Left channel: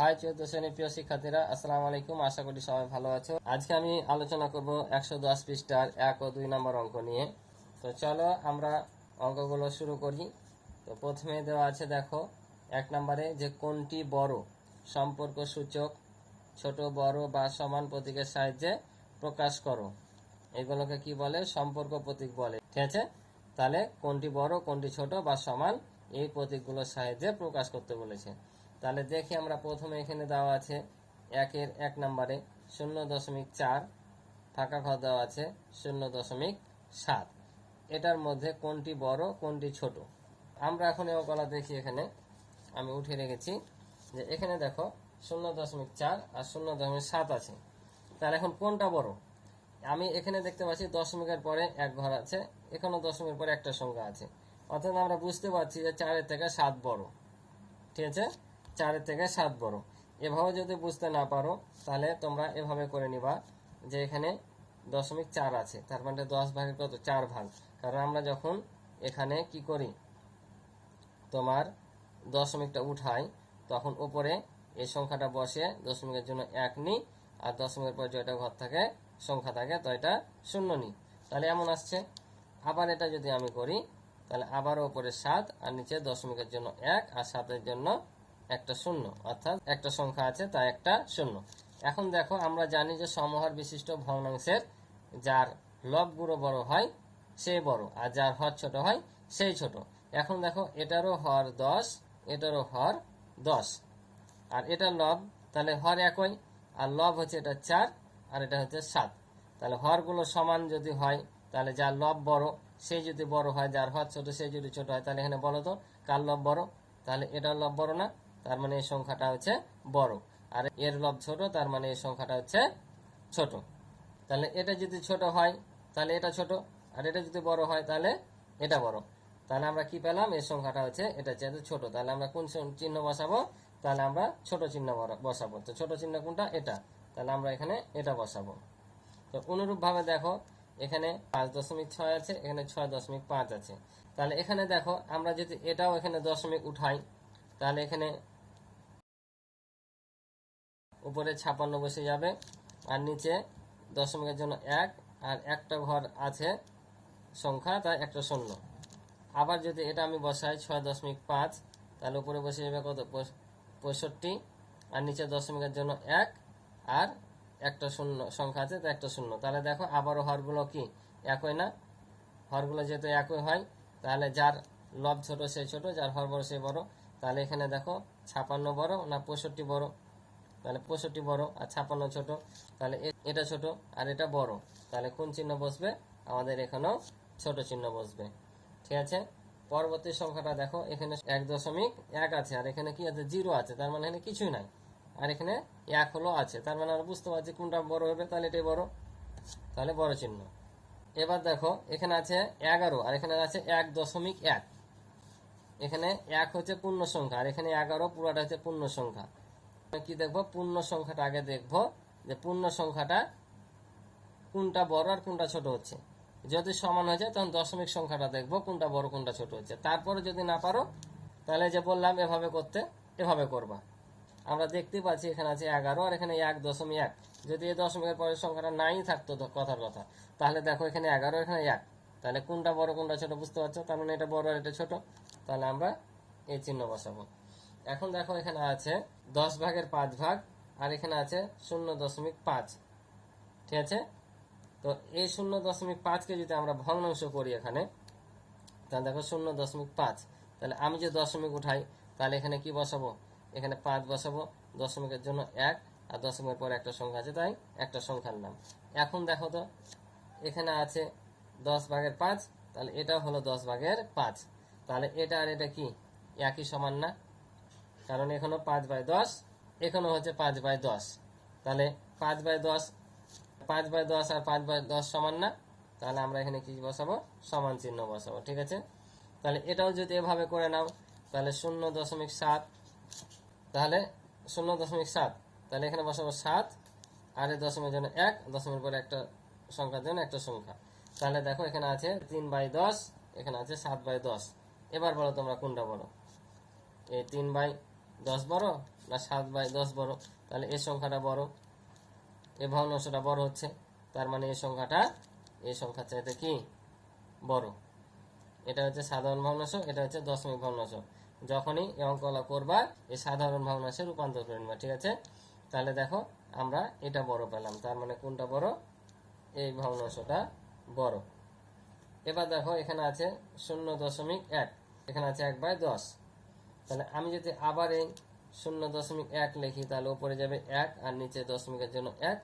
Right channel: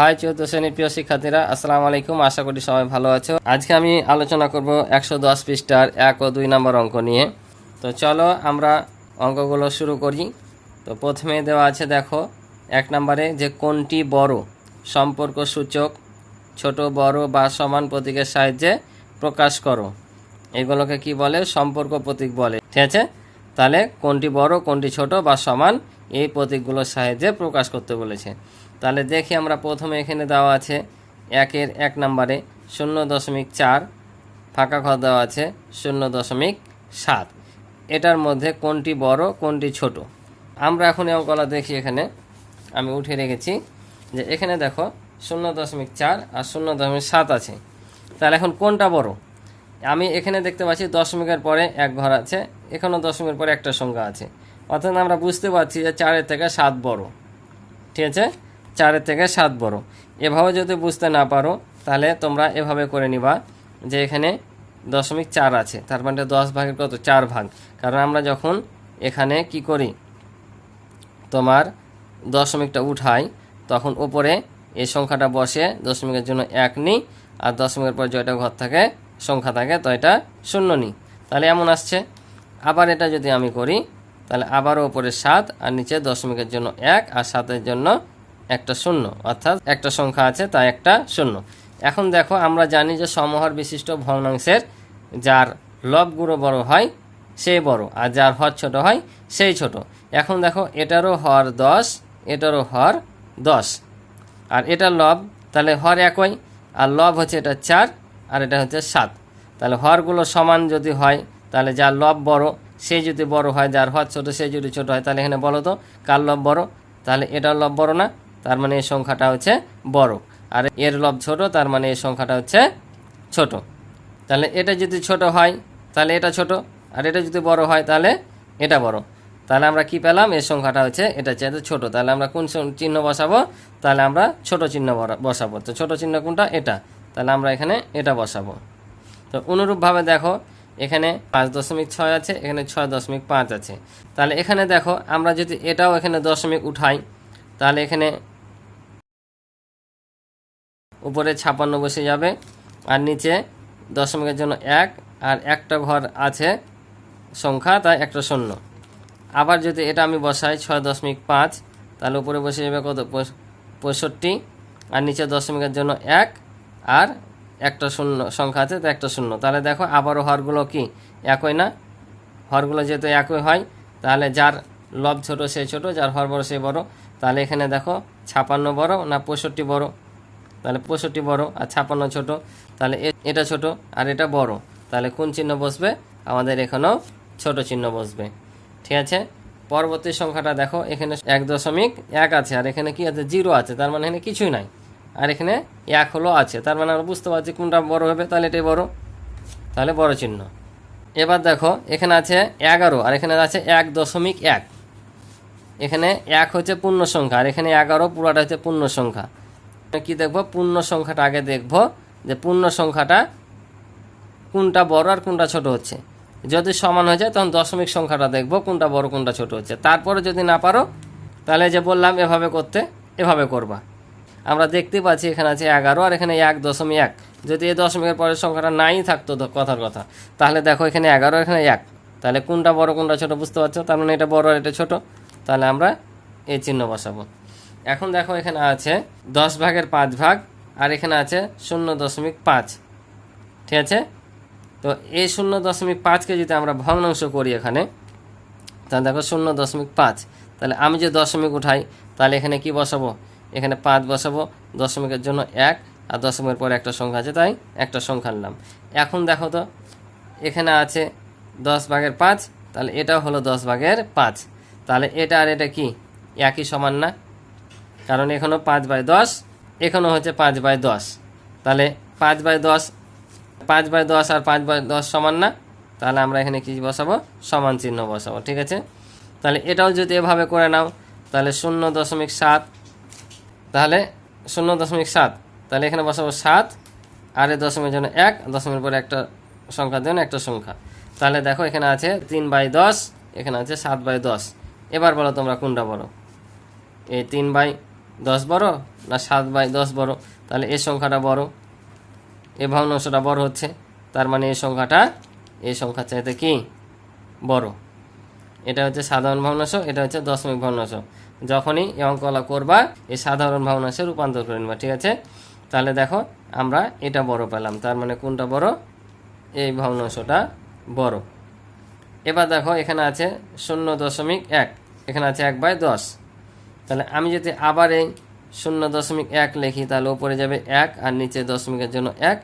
High চৌদ্দ শ্রেণির প্রিয় শিক্ষার্থীরা, আসসালামু আলাইকুম। আশা করি সবাই ভালো আছো। আজকে আমি আলোচনা করব একশো দশ পৃষ্ঠার এক ও দুই নম্বর অঙ্ক নিয়ে। তো চলো আমরা অঙ্কগুলো শুরু করি। তো প্রথমে দেওয়া আছে, দেখো, এক নম্বরে যে কোনটি বড়, সম্পর্ক সূচক, ছোট, বড় বা সমান প্রতীকের সাহায্যে প্রকাশ করো। এগুলোকে কি বলে? সম্পর্ক প্রতীক বলে। ঠিক আছে? তাহলে কোনটি বড়, কোনটি ছোট বা সমান এই প্রতীকগুলোর সাহায্যে প্রকাশ করতে বলেছে। তাহলে দেখি আমরা প্রথমে এখানে দেওয়া আছে একের এক নম্বরে শূন্য দশমিক চার, ফাঁকা ঘর দেওয়া আছে শূন্য দশমিক সাত। এটার মধ্যে কোনটি বড়, কোনটি ছোট? আমরা এখন এই অঙ্কলা দেখি এখানে। আমি উঠে রেখেছি যে এখানে দেখো শূন্য দশমিক চার আর শূন্য দশমিক সাত আছে। তাহলে এখন কোনটা বড়? আমি এখানে দেখতে পাচ্ছি দশমিকের পরে এক ঘর আছে এখানেও দশমিকের পরে একটা সংখ্যা আছে। অর্থাৎ আমরা বুঝতে পারছি যে চারের থেকে সাত বড়। ঠিক আছে? চারের থেকে সাত বড়। এভাবে যদি বুঝতে না পারো, তাহলে তোমরা এভাবে করে নিবা যে এখানে দশমিক চার আছে। তার মানে দশ ভাগের কত? চার ভাগ। কারণ আমরা যখন এখানে কি করি? তোমার দশমিকটা উঠাই, তখন উপরে এই সংখ্যাটা বসে দশমিকের জন্য এক নিই, আর দশমিকের পর জয়টা ঘর থাকে, সংখ্যা থাকে, তো এটা শূন্য নিই। তাহলে এমন আসছে। আবার এটা যদি আমি করি, তাহলে আবারও উপরে সাত, আর নিচে দশমিকের জন্য এক, আর সাতের জন্য একটা শূন্য, অর্থাৎ একটা সংখ্যা আছে, তাই একটা শূন্য। এখন দেখো, আমরা জানি যে সমহর বিশিষ্ট ভগ্নাংশের যার লবগুলো বড় হয় সেই বড়, আর যার হর ছোট হয়, সেই ছোট। এখন দেখো, এটারও হর দশ, এটারও হর দশ। আর এটা লব, তাহলে হর একই, আর লব হচ্ছে এটা চার, আর এটা হচ্ছে সাত। তাহলে হরগুলো সমান যদি হয়, তাহলে যার লব বড়, সে যদি বড় হয়, যার হর ছোট, সে যদি ছোট হয়, তাহলে এখানে বলো তো, কার লব বড়? তাহলে এটার লব বড় না? তার মানে এই সংখ্যাটা হচ্ছে বড়। আর এর লব ছোট, তার মানে এই সংখ্যাটা হচ্ছে ছোট। তাহলে এটা যদি ছোট হয়, তাহলে এটা ছোট। আর এটা যদি বড় হয়, তাহলে এটা বড়। তাহলে আমরা কি পেলাম? এই সংখ্যাটা হচ্ছে এটা চাইতে ছোট, তাহলে আমরা কোন চিহ্ন বসাবো? তাহলে আমরা ছোট চিহ্ন বসাবো। তো ছোট চিহ্ন কোনটা? এটা। তাহলে আমরা এখানে এটা বসাবো। তো অনুরূপভাবে দেখো, এখানে পাঁচ দশমিক ছয় আছে, এখানে ছয় দশমিক পাঁচ আছে। তাহলে এখানে দেখো, আমরা যদি এটাও এখানে দশমিক উঠাই, তাহলে এখানে উপরে ছাপান্ন বসে যাবে। আর নিচে দশমিকের জন্য এক, আর একটা ঘর আছে সংখ্যা, তাই একটা শূন্য। আবার যদি এটা আমি বসাই ছয় দশমিক পাঁচ, তাহলে উপরে বসে যাবে কত? পঁয়ষ- পঁয়ষট্টি। আর নিচে দশমিকের জন্য এক, আর একটা শূন্য, সংখ্যা আছে তো একটা শূন্য। তাহলে দেখো আবারও হরগুলো কি? একই না? হরগুলো যেহেতু একই হয়, তাহলে যার লব ছোট সে ছোট, যার হর বড় সে বড়। তাহলে এখানে দেখো, ছাপান্ন বড় না পঁয়ষট্টি বড়? তাহলে পঁয়ষট্টি বড় আর ছাপান্ন ছোট, তাহলে এটা ছোট আর এটা বড়। তাহলে কোন চিহ্ন বসবে? আমাদের এখানেও ছোট চিহ্ন বসবে। ঠিক আছে? পরবর্তী সংখ্যাটা দেখো, এখানে এক দশমিক এক আছে, আর এখানে কি আছে? জিরো আছে, তার মানে এখানে কিছুই নাই। আর এখানে এক হলো আছে, তার মানে আমরা বুঝতে পারছি কোনটা বড় হবে, তাহলে এটাই বড়। তাহলে বড় চিহ্ন। এবার দেখো, এখানে আছে এগারো, আর এখানে আছে এক দশমিক এক। এখানে এক হচ্ছে পূর্ণ সংখ্যা, আর এখানে এগারো পুরাটা হচ্ছে পূর্ণ সংখ্যা। কি দেখব? পূর্ণ সংখ্যাটা আগে দেখব যে পূর্ণ সংখ্যাটা কোনটা বড় আর কোনটা ছোট হচ্ছে। যদি সমান হয়ে যায় তখন দশমিক সংখ্যাটা দেখব, কোনটা বড়, কোনটা ছোট হচ্ছে। তারপরে যদি না পারো, তাহলে যে বললাম এভাবে করতে, এভাবে করবা। আমরা দেখতে পাচ্ছি এখানে আছে এগারো আর এখানে এক দশমিক এক। যদি এই দশমিকের পরের সংখ্যাটা নাই থাকতো কথার কথা, তাহলে দেখো এখানে এগারো, এখানে এক। তাহলে কোনটা বড়, কোনটা ছোট বুঝতে পারছ? তার মানে এটা বড় আর এটা ছোট। তাহলে আমরা এই চিহ্ন বসাবো। এখন দেখো এখানে আছে দশ ভাগের পাঁচ ভাগ, আর এখানে আছে শূন্য দশমিক পাঁচ। ঠিক আছে? তো এই শূন্য দশমিক পাঁচকে যদি আমরা ভগ্নাংশ করি এখানে, তাহলে দেখো শূন্য দশমিক পাঁচ। তাহলে আমি যে দশমিক উঠাই, তাহলে এখানে কি বসাবো? এখানে পাঁচ বসাবো, দশমিকের জন্য এক, আর দশমিকের পরে একটা সংখ্যা আছে, তাই একটা সংখ্যা নিলাম এখন দেখো তো, এখানে আছে দশ ভাগের পাঁচ, তাহলে এটাও হলো দশ ভাগের পাঁচ। তাহলে এটা আর এটা কি? একই সমান না? কারণ এখানেও পাঁচ বাই দশ এখানেও হচ্ছে পাঁচ বাই দশ। তাহলে পাঁচ বাই দশ, পাঁচ বাই দশ আর পাঁচ বাই দশ সমান না, তাহলে আমরা এখানে কি বসাবো? সমান চিহ্ন বসাবো, ঠিক আছে? তাহলে এটাও যদি এভাবে করে নাও, তাহলে শূন্য দশমিক সাত, তাহলে শূন্য দশমিক সাত, তাহলে এখানে বসাবো সাত, আর এই দশমিকের জন্য এক, দশমিকের পরে একটা সংখ্যার জন্য একটা সংখ্যা। তাহলে দেখো এখানে আছে তিন বাই দশ, এখানে আছে সাত বাই দশ। এবার বলো তোমরা কোনটা বড় এই তিন বাই দশ বড় না সাত বাই দশ বড়? তাহলে এই সংখ্যাটা বড়। এ ভগ্নাংশটা বড় হচ্ছে, তার মানে এই সংখ্যাটা এই সংখ্যার চাইতে কি? বড়। এটা হচ্ছে সাধারণ ভগ্নাংশ, এটা হচ্ছে দশমিক ভগ্নাংশ। যখনই এই অঙ্কলা করবা এই সাধারণ ভগ্নাংশে রূপান্তর করে নেবা, ঠিক আছে? তাহলে দেখো, আমরা এটা বড় পেলাম, তার মানে কোনটা বড়? এই ভগ্নাংশটা বড়। এবার দেখো, এখানে আছে শূন্য দশমিক এক, এখানে আছে এক বাই দশ। তাহলে আমি যদি আবার এই শূন্য দশমিক এক লিখি, তাহলে উপরে যাবে এক আর নিচে দশমিকের জন্য এক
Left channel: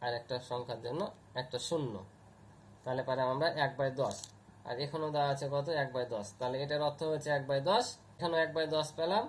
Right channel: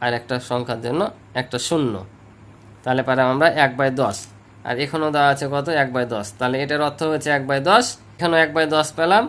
আর একটা সংখ্যার জন্য একটা শূন্য। তাহলে পারে আমরা এক বাই দশ। আর এখনও দেওয়া আছে কত? এক বাই দশ। তাহলে এটার অর্থ হচ্ছে এক বাই দশ। এখানেও এক বাই দশ পেলাম।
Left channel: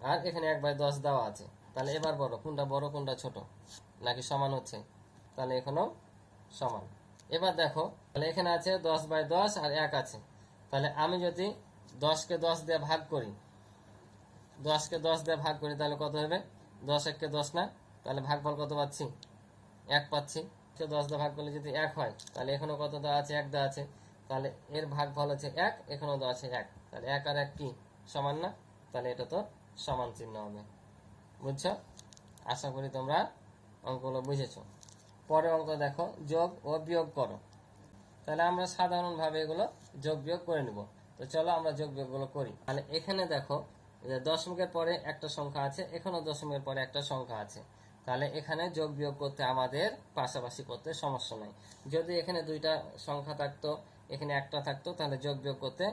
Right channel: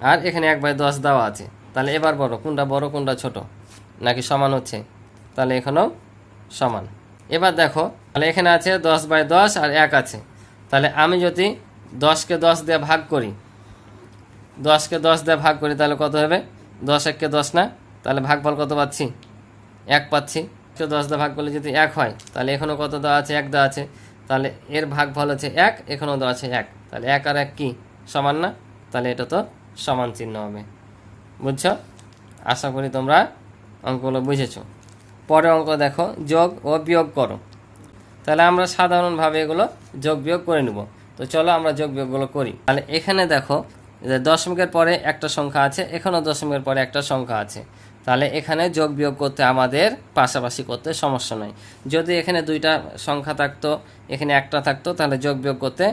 আর এখানে এক বাই দশ দেওয়া আছে। তাহলে এবার বড়, কোনটা বড়, কোনটা ছোট? নাকি সমান হচ্ছে? তাহলে এখানেও সমান। এবার দেখো, তাহলে এখানে আছে দশ বাই দশ আর এক আছে। তাহলে আমি যদি দশকে দশ দিয়ে ভাগ করি দশকে দশ দিয়ে ভাগ করি, তাহলে কত হবে? দশ এককে দশ না, তাহলে ভাগফল কত পাচ্ছি? এক পাচ্ছি। দশ দিয়ে ভাগ করলে যদি এক হয়, তাহলে এখানেও কত দেওয়া আছে? এক দেওয়া আছে। তাহলে এর ভাগফল হচ্ছে এক এখানেও দেওয়া আছে এক। তাহলে এক আর এক কি? সমান না? তাহলে এটা তো সমান চিহ্ন হবে। বুঝছ? আশা করি তোমরা অঙ্কগুলো বুঝেছ। পরে অঙ্ক দেখো, যোগ ও বিয়োগ করো। তাহলে আমরা সাধারণভাবে এগুলো যোগ বিয়োগ করে নেব। তো চলো আমরা যোগ বিয়োগগুলো করি। তাহলে এখানে দেখো দশমিকের পরে একটা সংখ্যা আছে, এখানেও দশমিকের পরে একটা সংখ্যা আছে। তাহলে এখানে যোগ বিয়োগ করতে আমাদের পাশাপাশি করতে সমস্যা নয় যদি এখানে দুইটা সংখ্যা থাকতো, এখানে একটা থাকতো, তাহলে যোগ বিয়োগ করতে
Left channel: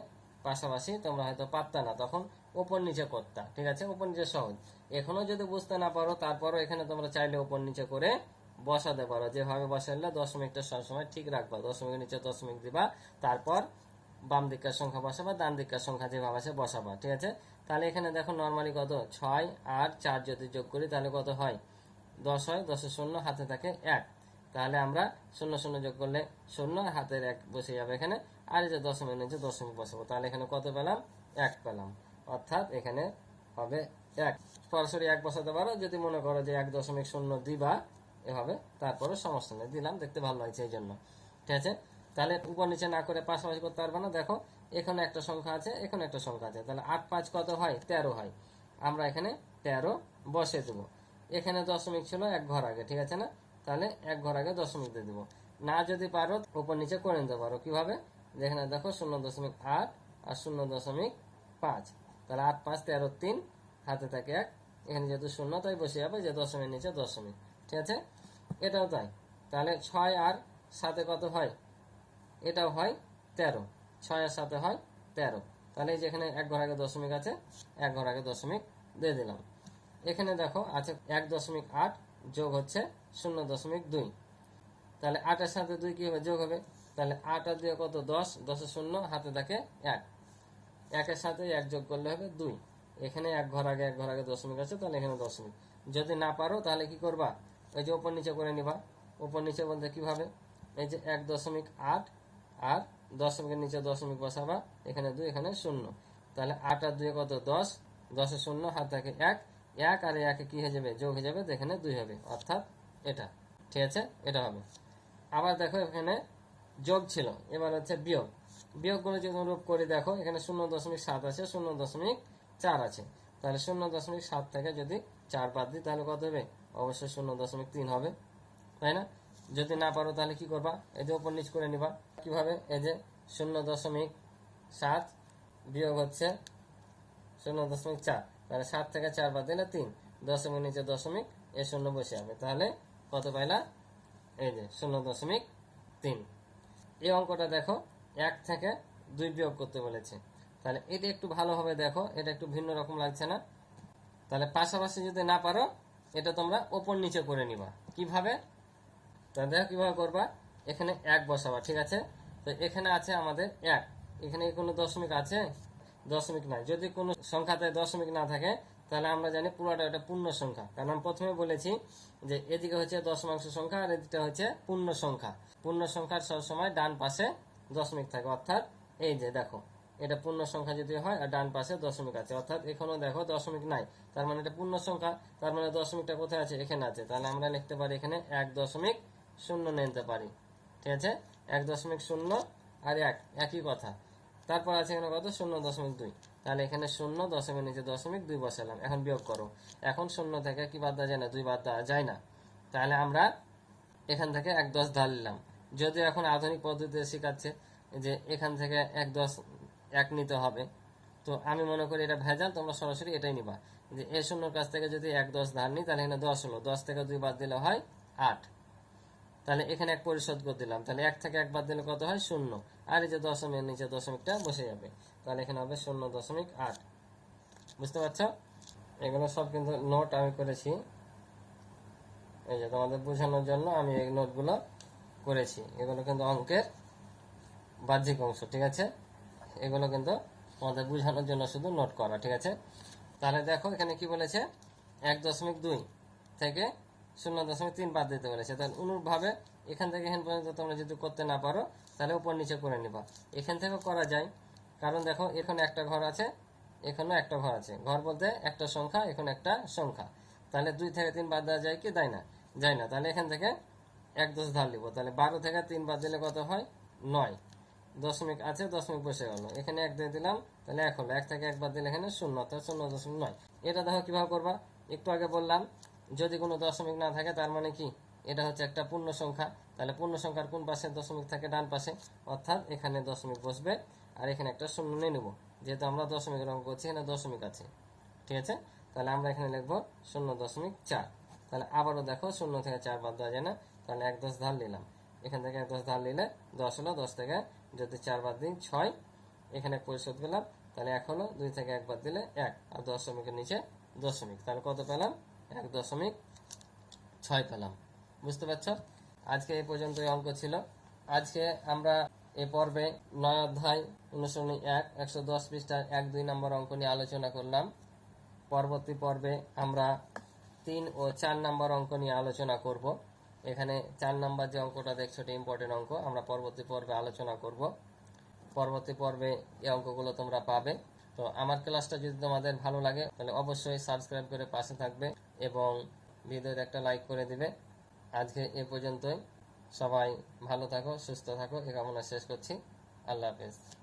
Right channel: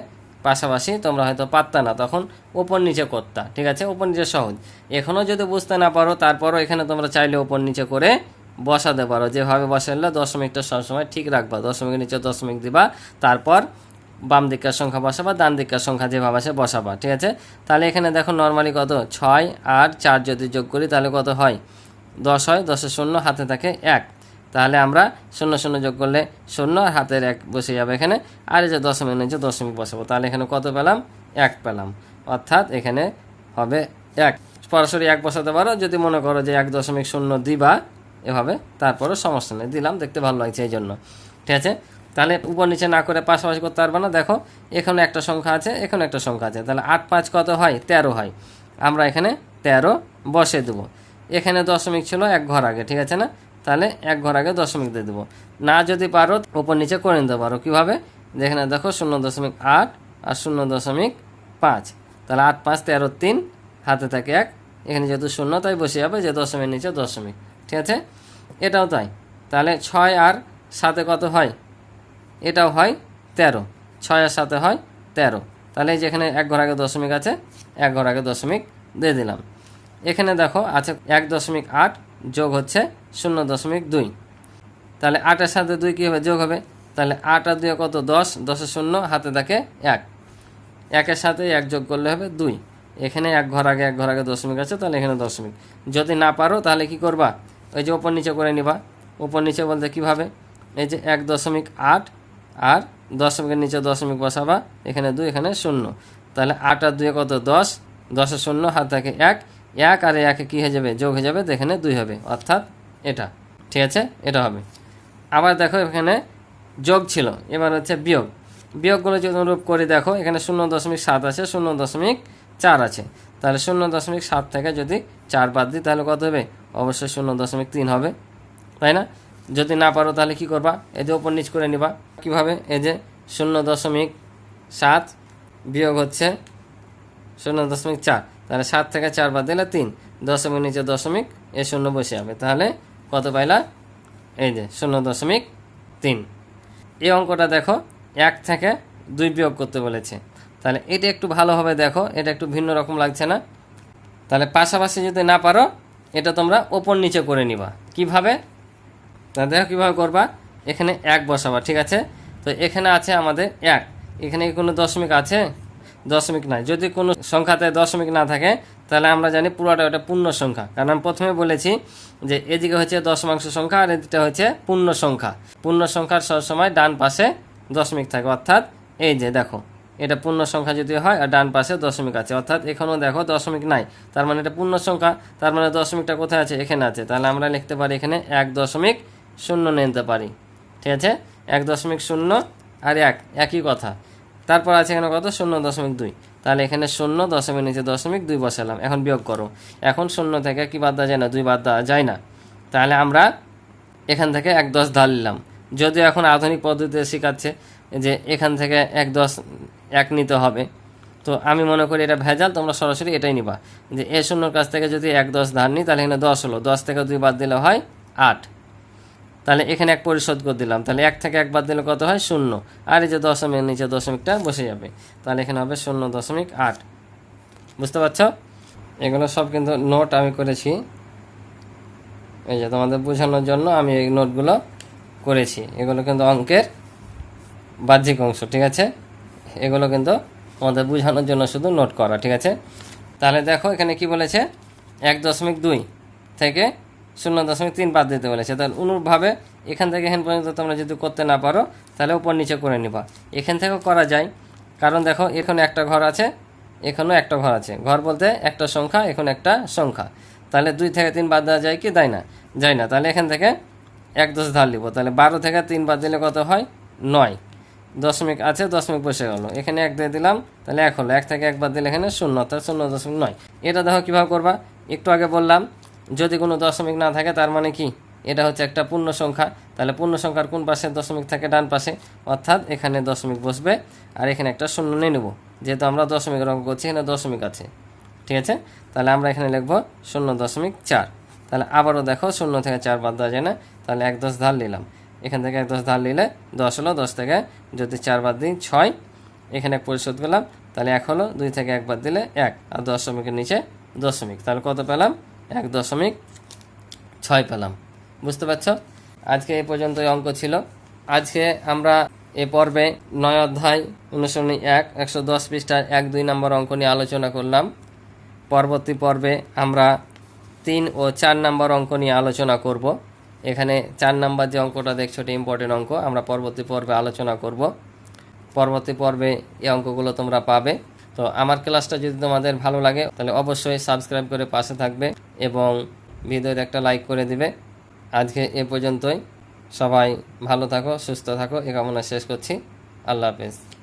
পাশাপাশি তোমরা হয়তো পারতা না। তখন ওপর নিচে করতা, ঠিক আছে? ওপর নিচে সহজ। এখনও যদি বুঝতে না পারো, তারপরও এখানে তোমরা চাইলে ওপর নিচে করে বসাতে পারো। যেভাবে বসালে দশমিকটা সবসময় ঠিক রাখবা। দশমিকের নিচে দশমিক দিবা, তারপর বাম দিকের সংখ্যা বসাবা, ডান দিকের সংখ্যা যেভাবে আসে বসাবা, ঠিক আছে? তাহলে এখানে দেখো নর্মালি কত? ছয় আর চার যদি যোগ করি তাহলে কত হয়? দশ হয় দশের শূন্য, হাতে থাকে এক। তাহলে আমরা শূন্য শূন্য যোগ করলে শূন্য আর হাতের এক বসে যাবে এখানে। আর এই যে দশমিক, নিচে দশমিক বসাবো, তাহলে এখানে কত পেলাম? এক পেলাম। অর্থাৎ এখানে হবে এক। সরাসরি এক বসাতে পারো, যদি মনে করো যে এক দশমিক শূন্য দিবা, এভাবে তারপরও সমস্যা নেই, দিলাম, দেখতে ভালো লাগছে এই জন্য, ঠিক আছে? তাহলে উপর নিচে না করে পাশাপাশি করতে পারবে না। দেখো, এখানে একটা সংখ্যা আছে, এখানে একটা সংখ্যা আছে। তাহলে আট পাঁচ কত হয়? তেরো হয়। আমরা এখানে তেরো বসে দেবো। এখানে দশমিক ছিল এক ঘর আগে, ঠিক আছে না? তাহলে এক ঘর আগে দশমিক দিয়ে দেবো। না যদি পারো, উপর নিচে করে নিতে পারো। কীভাবে? যেখানে দেখো, শূন্য দশমিক আট আর শূন্য দশমিক পাঁচ। তাহলে আট পাঁচ তেরো তিন, হাতে থাকে এক। এখানে যেহেতু শূন্য, তাই বসে যাবে যে দশমিক নিচে দশমিক, ঠিক আছে? এটাও তাই। তাহলে ছয় আর সাথে কত হয়? এটাও হয় তেরো। ছয় আর সাথে হয় তেরো। তাহলে এই যেখানে এক ঘর আগে দশমিক আছে, এক ঘর আগে দশমিক দিয়ে দিলাম। এখানে দেখো আছে এক দশমিক আট যোগ হচ্ছে শূন্য দশমিক দুই। তাহলে আটের সাথে দুই কী হবে যোগ হবে? তাহলে আট আর দুই কত? দশ। দশের শূন্য, হাতে থাকে এক। একের সাথে এক যোগ করলে হবে দুই। এখানে এক ঘর আগে, এক ঘর আগে দশমিক আছে, তাহলে এখানে দশমিক। যদি না পারো, তাহলে কি করবা? ওই যে ওপর নিচে করে নিবা। ওপর নিচে বলতে কীভাবে? এই যে এক দশমিক আট আর দশমিকের নিচে দশমিক বসাবা, এখানে দুই, এখানে শূন্য। তাহলে আট আর দুই কত? দশ। দশের শূন্য, হাত থাকে এক। এক আর একে কী হয়ে যাবে? যোগ হয়ে যাবে, তো এখানে দুই হবে। অর্থাৎ এটা। ঠিক আছে? এটা হবে। আবার দেখো এখানে যোগ ছিল। এবার হচ্ছে বিয়োগ। বিয়োগগুলো যদি অনুরূপ করে, দেখো এখানে শূন্য দশমিক সাত আছে, শূন্য দশমিক চার আছে। তাহলে শূন্য দশমিক সাত থেকে যদি চার বাদ দিই, তাহলে কত হবে? অবশ্যই শূন্য দশমিক তিন হবে। তাই না? যদি না পারো তাহলে কি করবা? এই যে ওপর নিচ করে নিবা। কীভাবে? এই যে শূন্য দশমিক সাত বিয়োগ হচ্ছে শূন্য দশমিক চার। তাহলে সাত থেকে চার বাদ দিলে তিন। দশমিক নিচে দশমিক, এ শূন্য বসে যাবে। তাহলে কত পাইলা? এই যে শূন্য দশমিক তিন। এই অঙ্কটা দেখো, এক থেকে দুই বিয়োগ করতে বলেছে। তাহলে এটা একটু ভালোভাবে দেখো। এটা একটু ভিন্ন রকম লাগছে না? তাহলে পাশাপাশি যদি না পারো, এটা তোমরা ওপর নিচে করে নিবা। কীভাবে? তা দেখো কীভাবে করবা? এখানে এক বসাবা, ঠিক আছে? তো এখানে আছে আমাদের এক। এখানে কোনো দশমিক আছে? দশমিক নাই। যদি কোনো সংখ্যাতে দশমিক না থাকে, তাহলে আমরা জানি পুরোটা ওটা পূর্ণ সংখ্যা। কারণ আমি প্রথমে বলেছি যে এদিকে হচ্ছে দশমাংশ সংখ্যা আর এদিকটা হচ্ছে পূর্ণ সংখ্যা। পূর্ণ সংখ্যার সবসময় ডান পাশে দশমিক থাকে। অর্থাৎ এই যে দেখো, এটা পূর্ণ সংখ্যা যদি হয় আর ডান পাশে দশমিক আছে। অর্থাৎ এখানেও দেখো দশমিক নাই। তার মানে এটা পূর্ণ সংখ্যা, তার মানে দশমিকটা কোথায় আছে? এখানে আছে। তাহলে আমরা লিখতে পারি এখানে এক দশমিক শূন্য নিতে পারি। ঠিক আছে? এক দশমিক শূন্য আর এক, একই কথা। তারপর আছে এখানে কত? শূন্য দশমিক দুই। তাহলে এখানে শূন্য দশমিক নিচে দশমিক দুই বসালাম। এখন বিয়োগ করো। এখন শূন্য থেকে কি বাদ দেওয়া যায় না? দুই বাদ দেওয়া যায় না। তাহলে আমরা এখান থেকে এক দশ ধার নিলাম। যদিও এখন আধুনিক পদ্ধতিতে শেখাচ্ছে যে এখান থেকে এক দশ, এক নিতে হবে। তো আমি মনে করি এটা ভেজাল, তোমরা সরাসরি এটাই নিবা। যে এ শূন্যর কাছ থেকে যদি এক দশ ধার নিই, তাহলে এখানে দশ হলো। দশ থেকে দুই বাদ দিলে হয় আট। তাহলে এখানে এক পরিশোধ করে দিলাম। তাহলে এক থেকে এক বাদ দিলে কত হয়? শূন্য। আর এই যে দশমিক, নিচে দশমিকটা বসে যাবে। তাহলে এখানে হবে শূন্য দশমিক আট। বুঝতে পারছ? এগুলো সব কিন্তু নোট আমি করেছি। এই যে তোমাদের বোঝানোর জন্য আমি এই নোটগুলো করেছি। এগুলো কিন্তু অঙ্কের বাহ্যিক অংশ, ঠিক আছে? এগুলো কিন্তু তোমাদের বোঝানোর জন্য শুধু নোট করা, ঠিক আছে? তাহলে দেখো এখানে কি বলেছে? এক দশমিক দুই থেকে শূন্য দশমিক তিন বাদ দিতে বলেছে। তাহলে অনুরূপভাবে এখান থেকে এখান পর্যন্ত তোমরা যদি করতে না পারো, তাহলে উপর নিচে করে নিবা। এখান থেকেও করা যায়। কারণ দেখো, এখানে একটা ঘর আছে, এখানেও একটা ঘর আছে। ঘর বলতে একটা সংখ্যা, এখন একটা সংখ্যা। তাহলে দুই থেকে তিন বাদ দেওয়া যায় কি? দেয় না। যায় না। তাহলে এখান থেকে এক দশ ধার নিব তাহলে বারো থেকে তিন বাদ দিলে কত হয়? নয়। দশমিক আছে, দশমিক বসে গেলো। এখানে এক দিয়ে দিলাম, তাহলে এক হলো। এক থেকে এক বাদ দিলে এখানে শূন্য, অর্থাৎ শূন্য দশমিক নয়। এটা দেখো কীভাবে করবা? একটু আগে বললাম যদি কোনো দশমিক না থাকে, তার মানে কি? এটা হচ্ছে একটা পূর্ণ সংখ্যা। তাহলে পূর্ণ সংখ্যার কোন পাশে দশমিক থাকে? ডান পাশে। অর্থাৎ এখানে দশমিক বসবে আর এখানে একটা শূন্য নিয়ে নেব। যেহেতু আমরা দশমিকের অঙ্ক করছি, এখানে দশমিক আছে। ঠিক আছে? তাহলে আমরা এখানে লিখব শূন্য দশমিক চার। তাহলে আবারও দেখো, শূন্য থেকে চার বাদ দেওয়া যায় না। তাহলে এক দশ ধার নিলাম। এখান থেকে এক দশ ধার নিলে দশ হলো দশ থেকে, যদি চার বাদ দিই ছয়, এখানে পরিশোধ পেলাম তাহলে এক হলো দুই থেকে এক বাদ দিলে এক। আর দশমিকের নিচে দশমিক। তাহলে কত পেলাম? এক দশমিক ছয় পেলাম। বুঝতে পারছ? আজকে এই পর্যন্ত অঙ্ক ছিল। আজকে আমরা এ পর্বে নয় অধ্যায় অনুসরণী এক, একশো দশ পৃষ্ঠার এক দুই নম্বর অঙ্ক নিয়ে আলোচনা করলাম। পরবর্তী পর্বে আমরা তিন ও চার নম্বর অঙ্ক নিয়ে আলোচনা করব। এখানে চার নাম্বার যে অঙ্কটা দেখছ, এটা ইম্পর্টেন্ট অঙ্ক। আমরা পরবর্তী পর্বে আলোচনা করব। পরবর্তী পর্বে এই অঙ্কগুলো তোমরা পাবে। তো আমার ক্লাসটা যদি তোমাদের ভালো লাগে, তাহলে অবশ্যই সাবস্ক্রাইব করে পাশে থাকবে এবং ভিডিওতে একটা লাইক করে দিবে। আজকে এ পর্যন্তই। সবাই ভালো থাকো, সুস্থ থাকো, এ কামনা শেষ করছি। আল্লাহ হাফেজ।